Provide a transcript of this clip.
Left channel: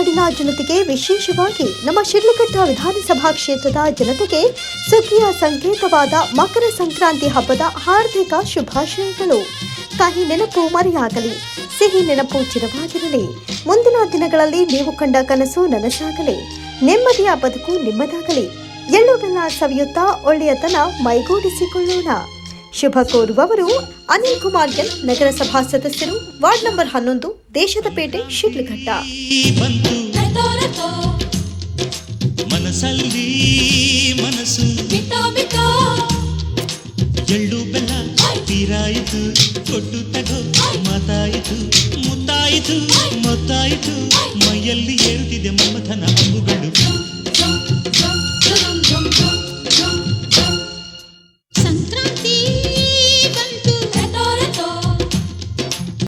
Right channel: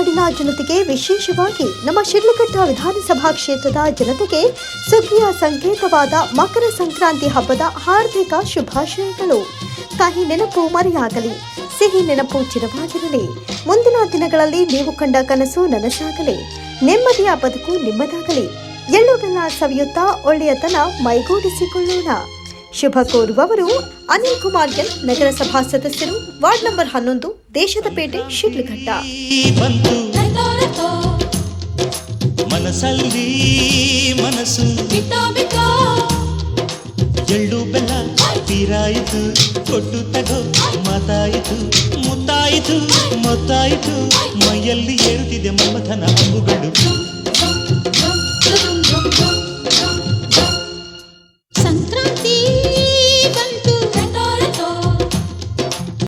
ನಾಡಿನ ಜನತೆಗೆ ವಿಶೇಷವಾಗಿ ನಮ್ಮ ಶಿಡ್ಲಘಟ್ಟ ವಿಧಾನಸಭಾ ಕ್ಷೇತ್ರದ ಜನತೆಗೆ ಸುಗ್ಗಿಯ ಸಂಕೇತವಾದ ಮಕರ ಸಂಕ್ರಾಂತಿ ಹಬ್ಬದ ಹಾರ್ದಿಕ ಶುಭಾಶಯಗಳು. ಕಹಿ ನೆನಪು ಮರೆಯಾಗಲಿ, ಸಿಹಿ ನೆನಪು ಚಿರವಾಗಿರಲಿ. ಮುಂದಿನ ದಿನಗಳಲ್ಲಿ ನೀವು ಕಂಡ ಕನಸು ನನಸಾಗಲಿ. ನೆಮ್ಮದಿಯ ಬದುಕು ನಿಮ್ಮದಾಗಲಿ. ಎಳ್ಳು ಬೆಲ್ಲ ಸವಿಯುತ್ತಾ ಒಳ್ಳೆಯತನ ಮೈಗೂಡಿಸಿಕೊಳ್ಳೋಣ. ಶುಭ ಕೋರುವವರು ಅನಿಲ್ ಕುಮಾರ್ ಎನ್ ನಗರಸಭಾ ಸದಸ್ಯರು ವಾರ್ಡ್ ನಂಬರ್ ಹನ್ನೊಂದು ದೇಶದ ಪೇಟೆ ಶಿಡ್ಲಘಟ್ಟ. ಮೈಯಲ್ಲಿ ಏರುತ್ತಿದೆ ಮಮಧನ ಸಂಕ್ರ